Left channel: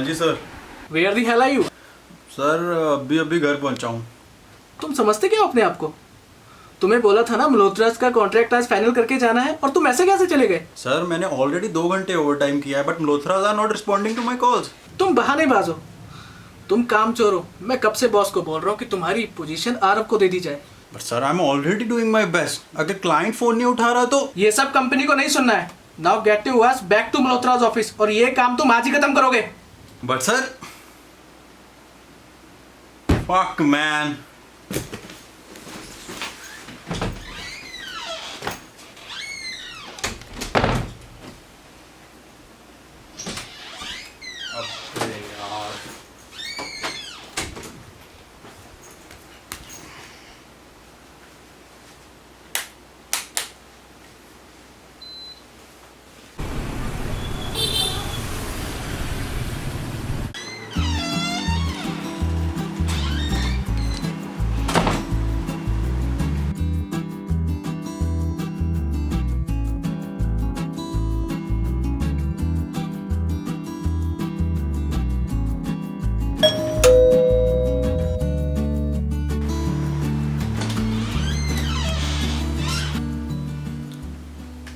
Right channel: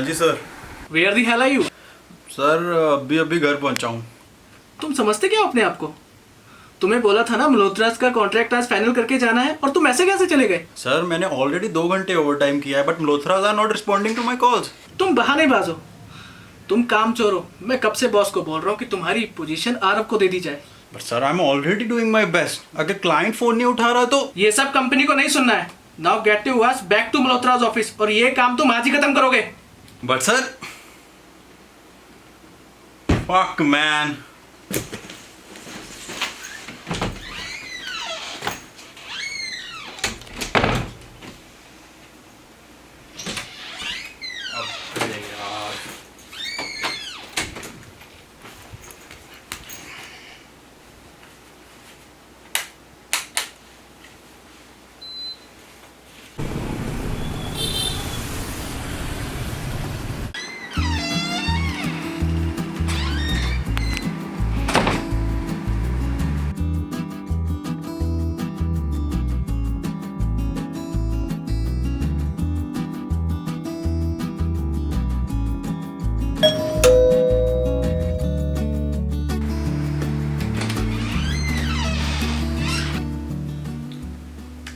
हाँ जी sir. Where the hell are you? Sir अभी अभी घर पहुंचा हूँ। तुम समझते क्या हो अपने आप को? तुम्हें बोला था ना मल्होत्रास का कॉन्ट्रैक्ट आज फाइनल करके जाना है, और तुम ऐसे कैसे चले गए? सर मैंने ऑलरेडी 2 घंटे ओवर टाइम किया है, but Malhotras are not responding to my calls. तुम बहानेबाज हो, तुम कामचोर हो। मैं कब से बॉस को बोल रहा हूँ कि तुम्हारी पोजीशन आरव को दे दी जाए। But sir I am already doing my best. अगर क्लाइंट फोन नहीं उठा रहा तो ये सब कंपनी को नहीं सुनना है। Now get your ass back to Malhotra's office, और ये काम तुम आज ही खत्म करोगे। But sir fuck man.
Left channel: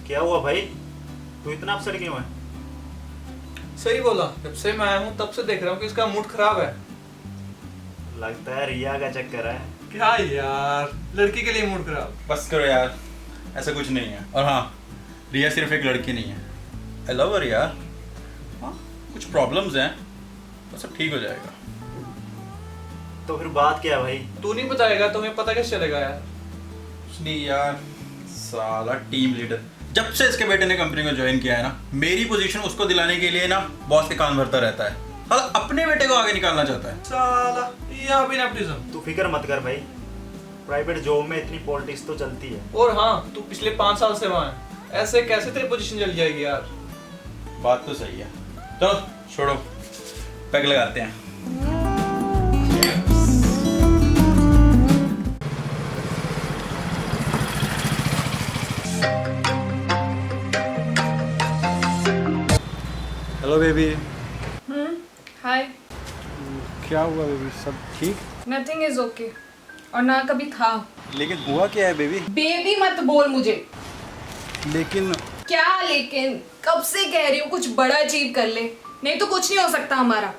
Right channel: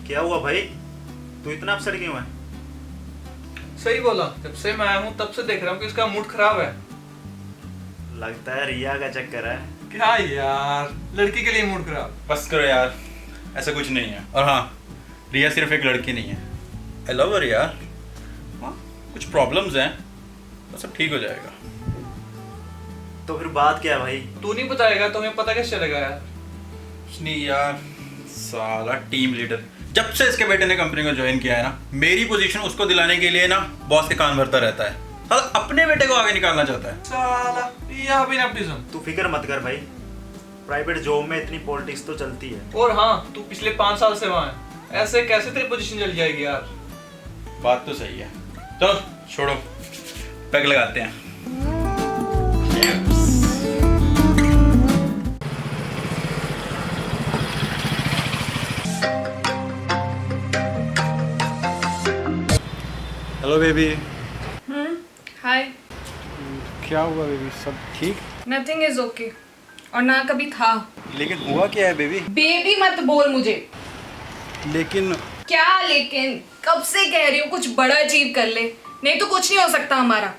क्या हुआ भाई, तू इतना अपसेट क्यों है? सही बोला, जब से मैं आया हूँ तब से देख रहा हूँ कि इसका मूड खराब है। लगता है रिया का चक्कर है। क्या यार, लड़की के लिए मूड खराब? बस करो यार, ऐसा कुछ नहीं है। और हाँ, रिया सिर्फ एक लड़की नहीं है। आई लव हर यार। हाँ, कुछ प्रॉब्लम्स हैं, तो सब ठीक हो जाएगा। तो फिर बात क्या है भाई? तू नहीं बताएगा तो हमें पता कैसे चलेगा यार? कुछ नहीं यार, साला टीम लीडर जब से इसके बेटे ने कंपनी को ज्वाइन किया है ना, मेरी पोजीशन उसको दिलाने के लिए ना बॉस के कान भरता रहता है। साला अपने बेटे को आगे निकालना चाहता है। साला यह भी नेपोटिज्म। तू फिक्र मत कर भाई, प्राइवेट जॉब में इतनी पॉलिटिक्स तो चलती है। और हाँ, तू पिछले 5 साल से वहाँ है, ऐसे कैसे तेरी पोजीशन चल जाएगी यार? बात तो सही है। चलो छोड़ो, पैक लगाते हैं। Hello baby. हाय। क्या हुआ बेबी, सब ठीक? नथिंग इज ओके, और ना कभी था। लेकिन हुआ क्या है बेबी? बेबी मत बोल मुझे। लेकिन क्या लेकिन? कब से कह रही हूँ कुछ बड़ा अचीव कर ले, नहीं तो कुछ नहीं हो सकता हमारा।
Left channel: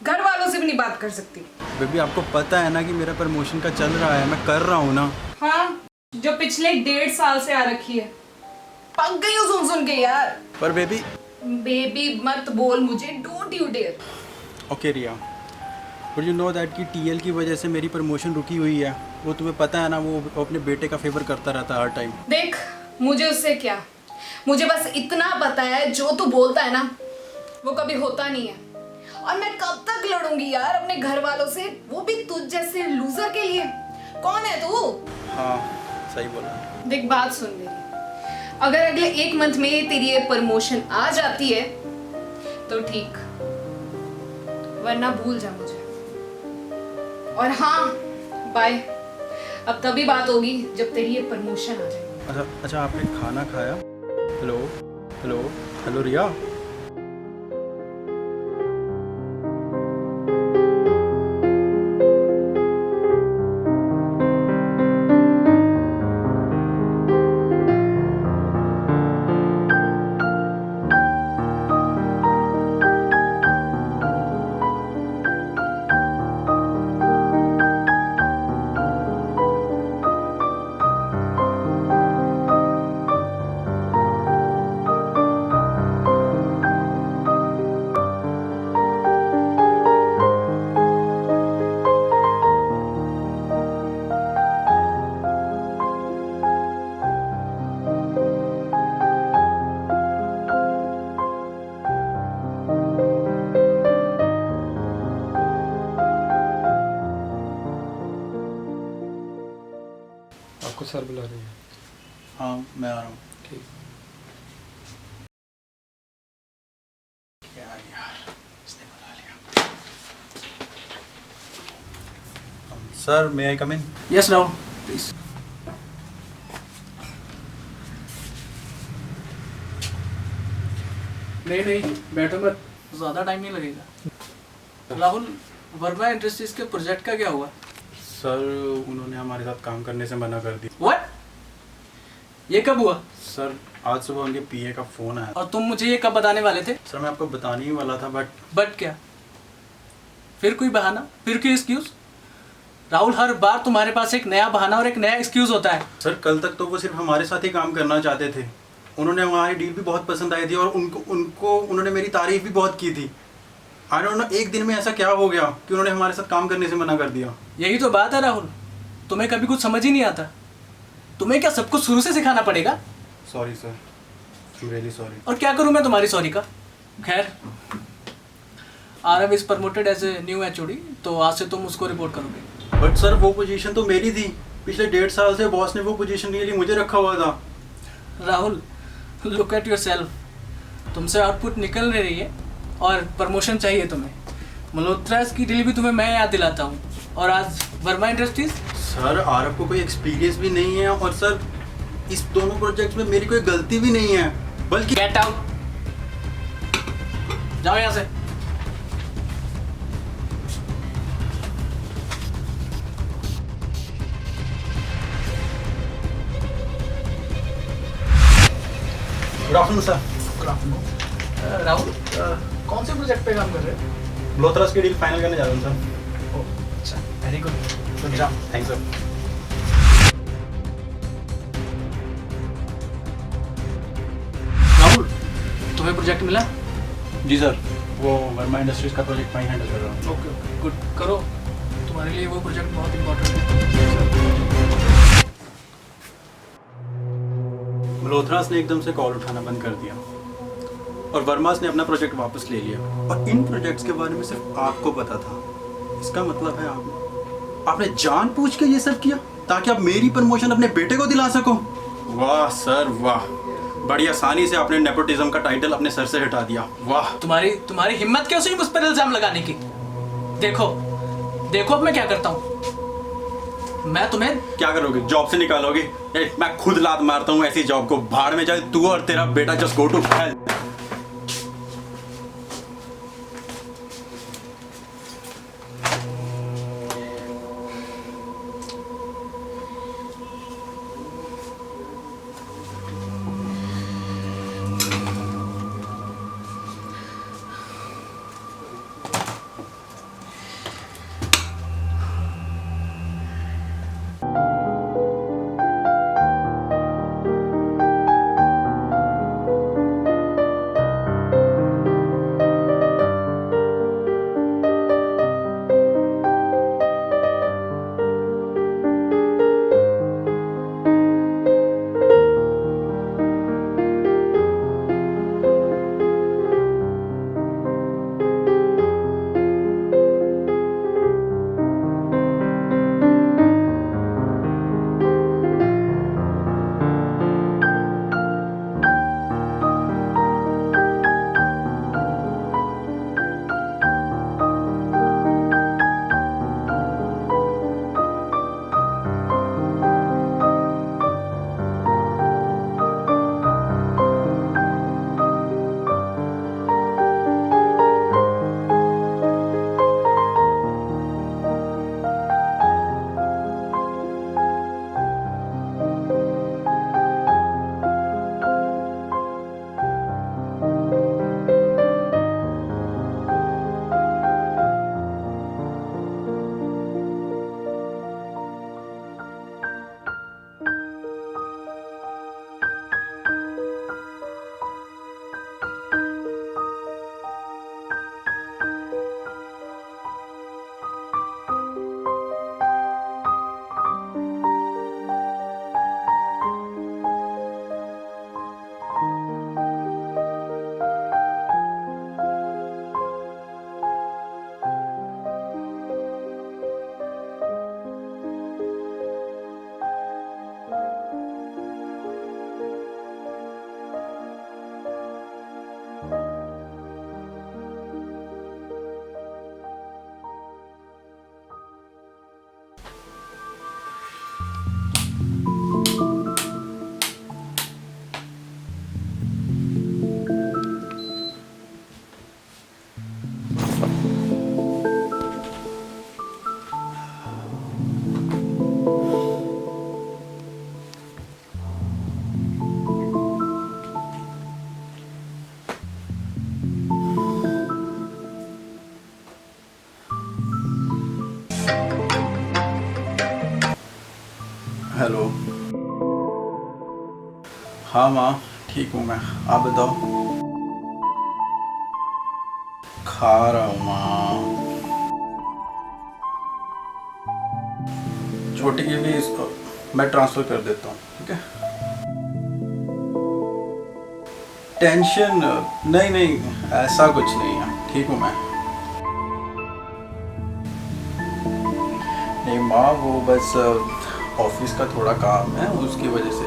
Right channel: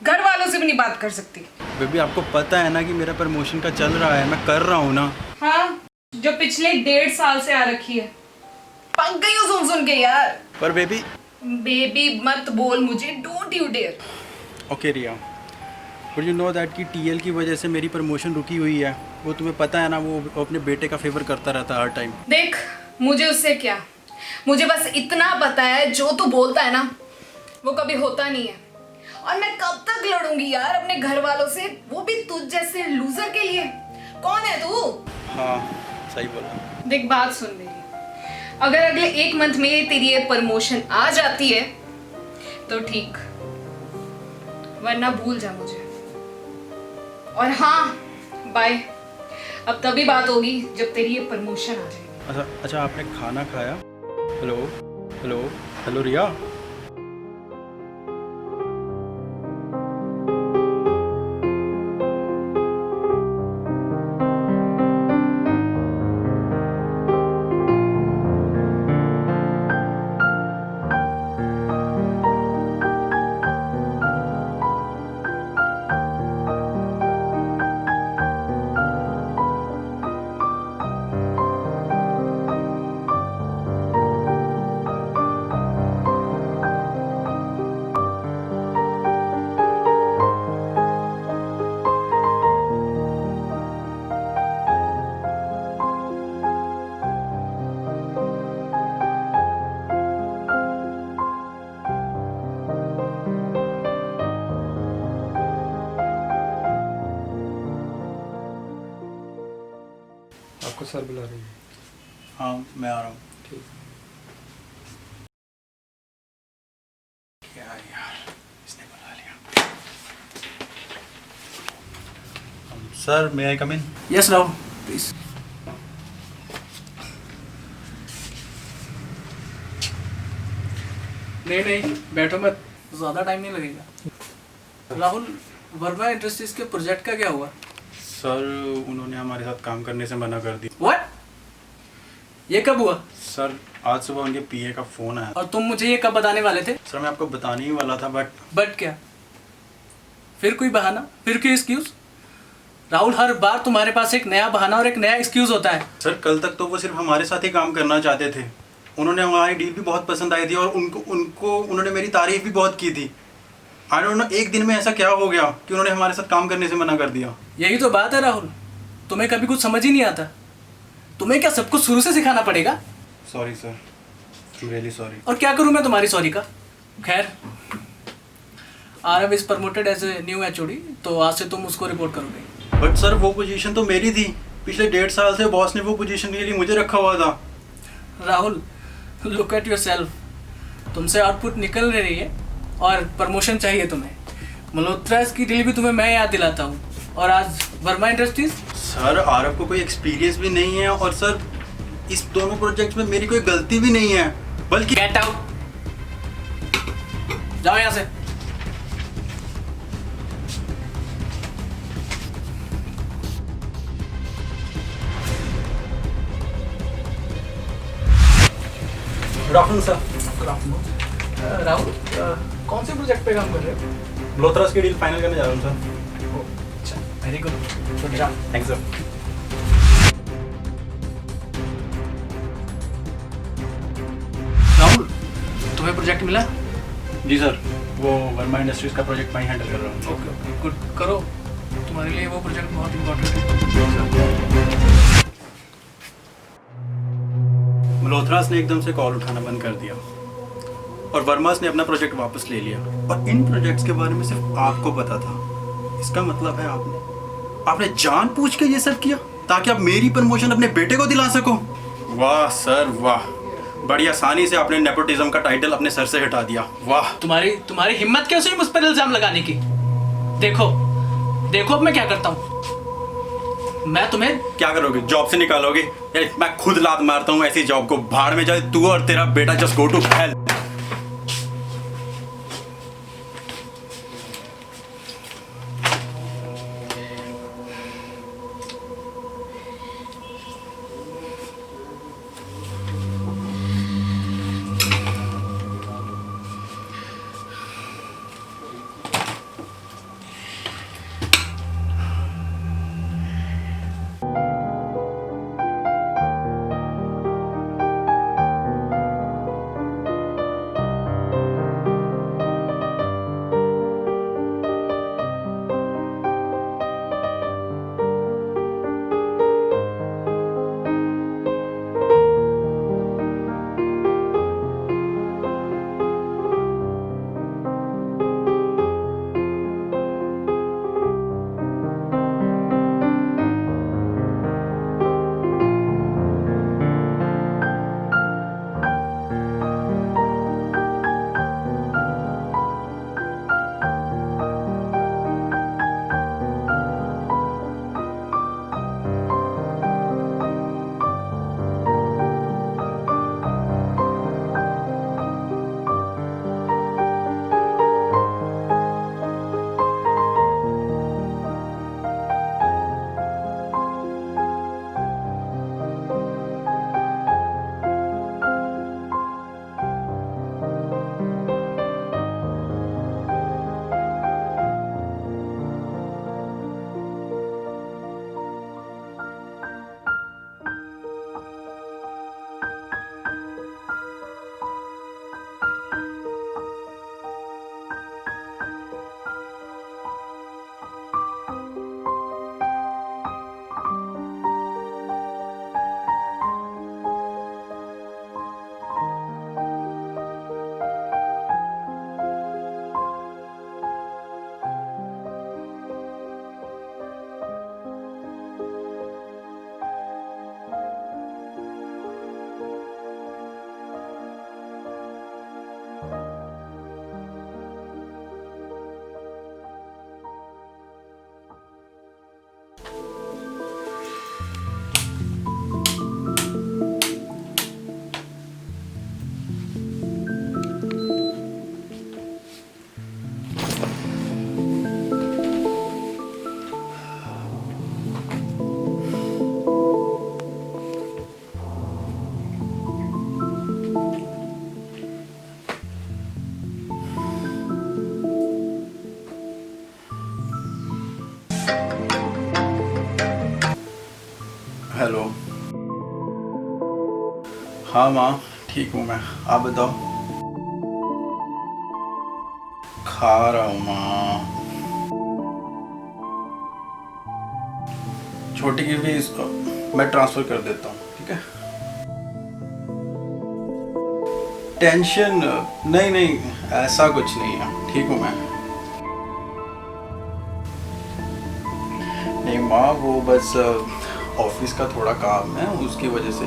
घर वालों से भी नहीं बात कर सकती। बेबी आपको पता है ना कि मेरा प्रमोशन का चल रहा है, मैं कर रहा हूँ ना। हाँ, जो पिछले 1.5 साल से आ रखी है। पक गई हूँ सुन सुन के यार। पर बेबी बेबी मत बोल मुझे, don't you dare. Okay Riya, but you know that कि टीएल की वजह से मेरी प्रमोशन रुकी हुई है। वो तुम्हें पता है ना, वो अपने बेटे का फेवर करता रहता है हर टाइम। देख, मुझे उससे क्या, मुझे बस इतना पता है जो तू बोलता है ना वो कभी होता नहीं है। और मैं कब तक लड़ूंगी यार अपने घर वालों से, वो भी तुझ जैसे लूजर के लिए। कौन है तू? हाँ सही बोला। देख बात सुन मेरी, अगर अगले 1 मंथ में तेरी ये प्रमोशन आ जाती है तो ठीक, वरना भूल जा मुझे। और हाँ बाय, अब तभी बात होगी जब तेरी ये प्रमोशन आ जाएगी। अच्छा आपने खाना खाया? हेलो हेलो हेलो रिया। आपको सर बुला रही है। हाँ मैं आ रहा हूँ। ठीक। क्या यार, इसने बुला लिया। Sir may I come in? Yes Rahul please. नहीं नहीं बैठो मत। ज़्यादा टाइम नहीं लगेगा। राहुल, वर्मा इंडस्ट्रीज के प्रोजेक्ट का क्या हुआ? सर उन्होंने हमारे साथ काम करने से मना कर दिया। व्हाट? ये कब हुआ? सर आज सुबह उनके पीए का फ़ोन आया। और तुम मुझे ये कब बताने वाले थे? सर मैं आपको बताने ही वाला था बट क्या? फिर कोई बहाना, फिर कोई एक्सक्यूज? राहुल, हर बार तुम्हारे पास एक नया बहाना और एक नया एक्सक्यूज होता है। सर कल तक तो वो सिर्फ हमारे साथ ही काम करना चाहते थे। उन्होंने हमारी डील भी बहुत पसंद आई थी और उन्होंने मेरी तारीफ भी बहुत की थी। आई डोंट नो एक दिन में ऐसा क्या हो गया कि उन्होंने हमारे साथ काम करने से मना कर दिया। यही तो बात है राहुल, तुम्हें कभी कुछ समझ ही नहीं आता। तुम्हें क्या सब कुछ शुरू से सिखाना पड़ेगा? Sorry sir, I am really sorry. और क्या करूं मैं तुम्हारी सॉरी का? खैर, Aarav is promoted as a new HOD, तो आज से तुम उसको रिपोर्ट करोगे। बट सर वो पोजीशन तो मेरी थी। पिछले 1.5 साल से बॉस ने वो पोजीशन के लिए मुझे रखा हुआ था। राहुल, लुक एट योरसेल्फ, तुमसे आउटपुट निकल नहीं रही है और प्रमोशन चाहिए तुम्हें। मल्होत्रा की डील भी तुम्हें मैं याद दिलाता हूँ, और आज वर्मा इंडस्ट्रीज। सर आरव को कोई एक्सपीरियंस भी नहीं है और सर इस दोनों प्रोजेक्ट्स में मेरी कोई गलती भी नहीं है, बल्कि गेट आउट, जाओ यहाँ से। Good afternoon sir. राहुल, कौन से प्रोजेक्ट पे काम कर रहे हो? मल्होत्रा की डील फाइनल करने जा रहा हूँ सर। ओह अच्छा, very good, good job. Thanks sir. Rahul, तुम्हें प्रोजेक्ट मिला? जी सर, वो वर्मा इंडस्ट्रीज का प्रोजेक्ट मैं हैंडल कर रहा हूँ। ओके ओके, गुड, करो। तुम्हारे लिए वो प्रोजेक्ट बहुत इंपॉर्टेंट है। मल्होत्रास ने एकदम से कॉल उठाना बंद कर दिया और वर्मास ने अपना प्रोजेक्ट वापस ले लिया, और इन प्रोजेक्ट्स के बारे में सिर्फ आपको पता था। इसका मतलब है आपने जानबूझ के ये सब किया ताकि आप मेरी प्रमोशन अपने बेटे को दिला सको। वाह सर वाह, बड़ी आसानी से आपने नेपोटिज्म का टाइटल अपने सर से हटा दिया। वाह, तुम्हारी हिम्मत कैसे हुई मुझ पर इल्जाम लगाने की? देखो देखो अब मैं क्या करता हूँ। मैं तुम्हें क्या करोगे? जॉब से निकालोगे? मैं खुद लात मारता हूँ ऐसी जॉब को। भाड़ में जाए तू और तेरा बेटा, just go to hell. Hello. हाँ माँ, ठीक हूँ मैं, आप बताओ। खा रहा हूँ माँ। छोटी की फीस मैं ट्रांसफ़र कर देता हूँ, ठीक है। टेंशन नहीं नहीं, ऐसा कुछ नहीं है, ठीक हूँ मैं। नहीं माँ, वो बस ऑफिस का थोड़ा काम है, उसकी वजह से,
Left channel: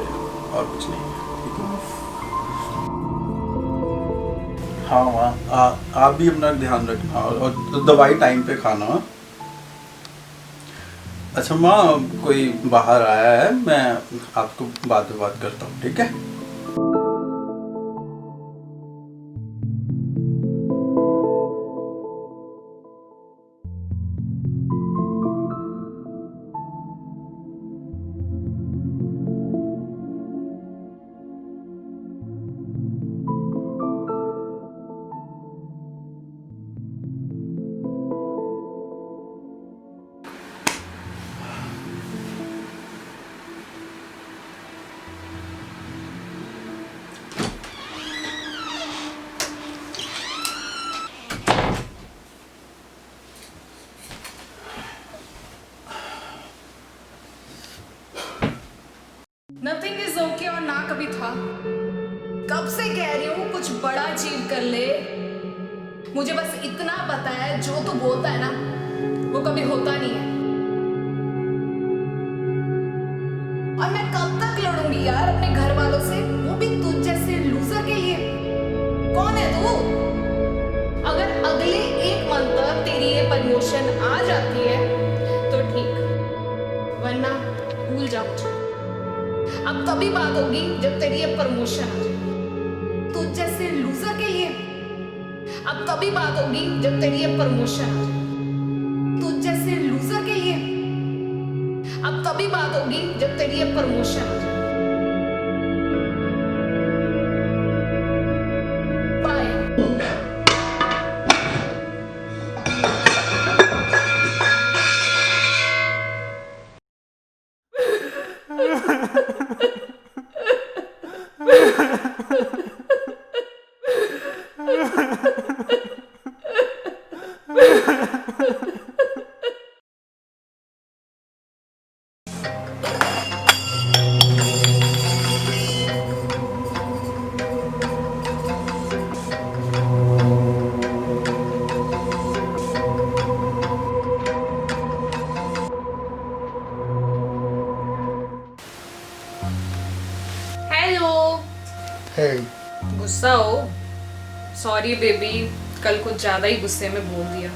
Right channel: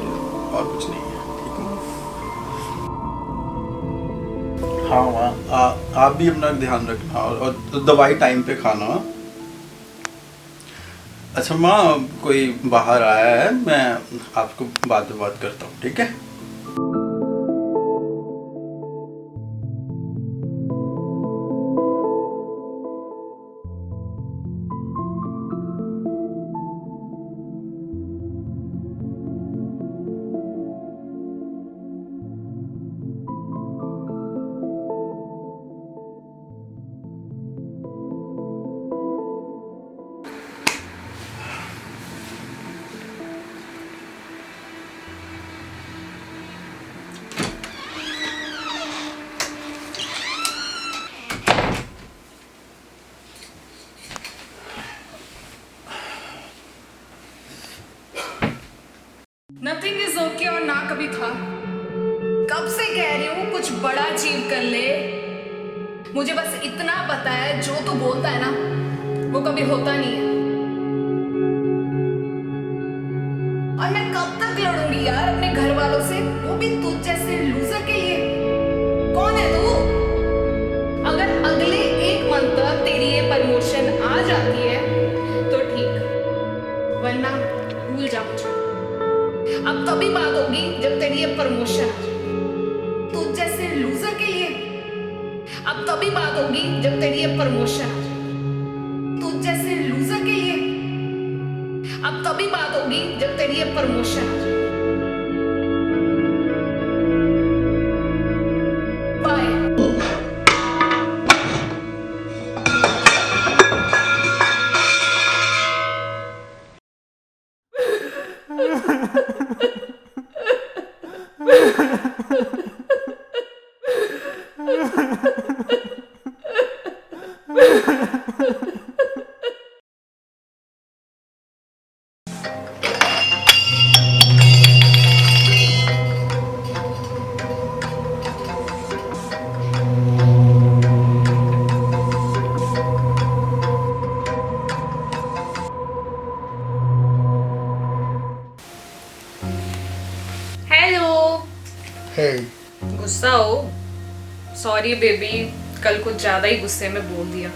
और कुछ नहीं है, ठीक हूँ। हाँ माँ, आप भी अपना ध्यान रखना और दवाई टाइम पे खाना। अच्छा माँ, कोई बाहर आया है, मैं आपको बाद में बात करता हूँ, ठीक है। नथिंग इज ओके और ना कभी था। कब से कह रही हूँ कुछ बड़ा अचीव कर ले। मुझे बस इतना पता है, जो तू बोलता है ना वो कभी होता नहीं है। और मैं कब तक लड़ूंगी यार अपने घर वालों से, वो भी तुझ जैसे लूजर के लिए। कौन है तू? अगर अगले 1 मंथ तक तेरी ये प्रमोशन आ जाती है तो ठीक, वरना भूल जा मुझे। अब तभी बात होगी जब तेरी ये प्रमोशन आ जाए। तुझ जैसे लूजर के लिए अब तभी बात होगी जब तेरी ये प्रमोशन आ जाए। तुझ जैसे लूजर के लिए अब तभी बात होगी जब तेरी ये प्रमोशन आ जाए। बाय। हेलो। Hey. गुस्सा हो? सॉरी बेबी, कल कुछ ज़्यादा ही गुस्से में बोल दिया।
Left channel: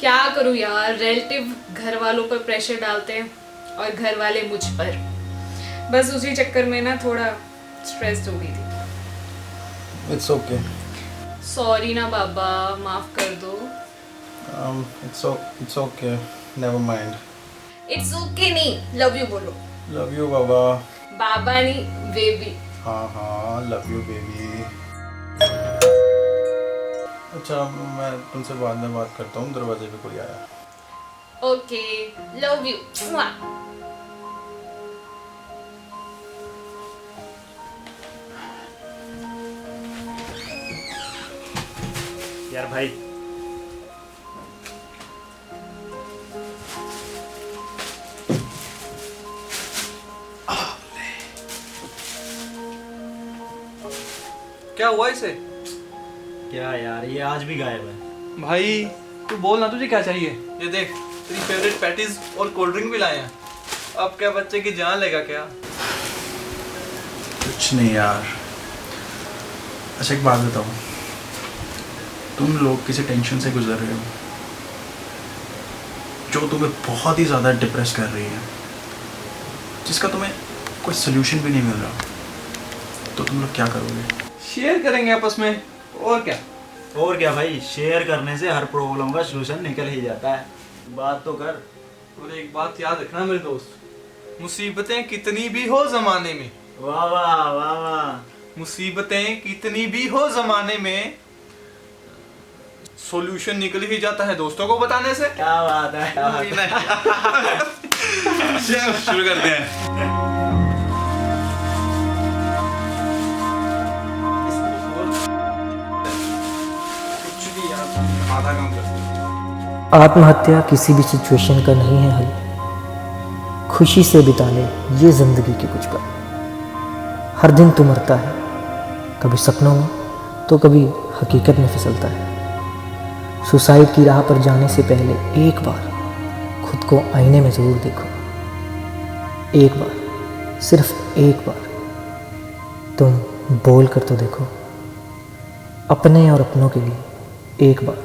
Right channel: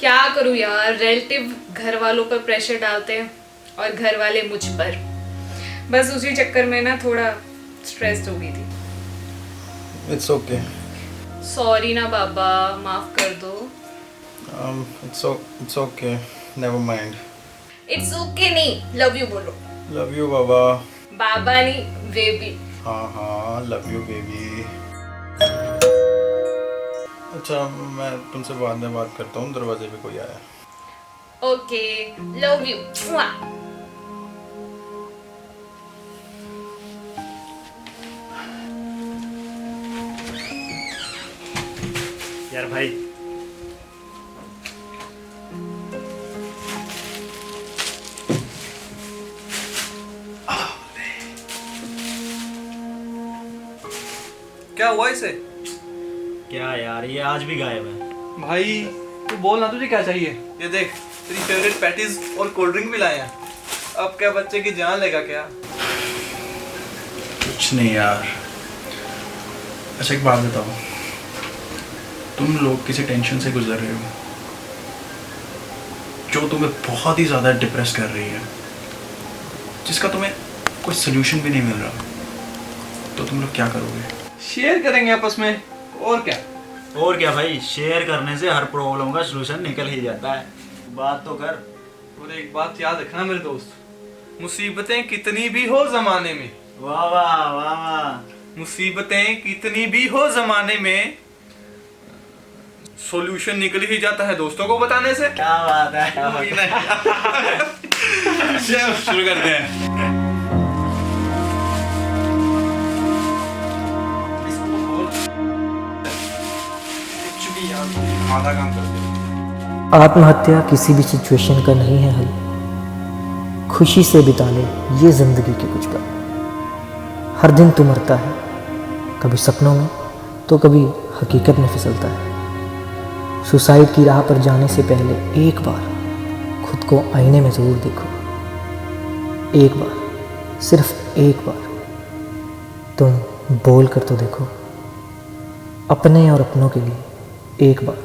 क्या करूँ यार, रिलेटिव घर वालों पर प्रेशर डालते हैं और घर वाले मुझ पर। बस उसी चक्कर में ना थोड़ा स्ट्रेस्ड हो गई थी। It's okay. सॉरी ना बाबा, माफ़ कर दो। It's okay. Never mind. It's okay नहीं, लव यू बोलो। Love you, बाबा। बाबा नहीं, बेबी। हाँ हाँ, लव यू बेबी। अच्छा, मैं तुमसे बाद में बात करता हूँ, दरवाजे पे कोई आया। Okay, love you. यार भाई, क्या हुआ इसे? क्या यार, ये आज भी गायब है। भाई तू बोल ना, तुझे क्या चाहिए? ये देख, तेरी फेवरेट पैटीज और कोल्ड ड्रिंक भी लाए हैं। अब क्या बच्चे की जान लेगा क्या? कुछ नहीं यार। अच्छा एक बात बताओ, तुम लोग किसी टेंशन से गुजर रहे हो जो तुम्हें बहुत ही ज़्यादा डिप्रेस कर रही है, जिसका तुम्हें कोई सोल्यूशन भी नहीं मिल रहा, तो तुम लोग क्या करोगे? शेयर करेंगे आपस में, और क्या। और क्या भाई, शेयर करने से हर प्रॉब्लम का सलूशन निकल ही जाता है। बात तो कर। और एक बात याद रखना मेरे दोस्त, मुसीबतें कितनी भी हो जमाने में, वाह वाह वाह वाह, मुसीबतें कितनी भी हो जमाने में, सॉल्यूशन निकल ही जाता है दोस्तों को बताने से। क्या बात है, क्या बात है। चलो शुरू करते हैं। नहीं यार, तुम आधा काम कर दिया। आत्महत्या किसी भी सिचुएशन का नहीं है हल। खुशी से बिता ले ये जिंदगी के कुछ पल। हर दिन तू मरता है, कभी सपनों में तो कभी हकीकत में फिसलता है। सुसाइड की राह पर जाने से पहले एक बार खुद को आईने में ज़रूर देखो। एक बार, सिर्फ एक बार तुम बोल कर तो देखो। अपने और अपनों के लिए एक बार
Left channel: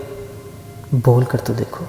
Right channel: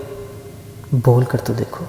बोल कर तो देखो।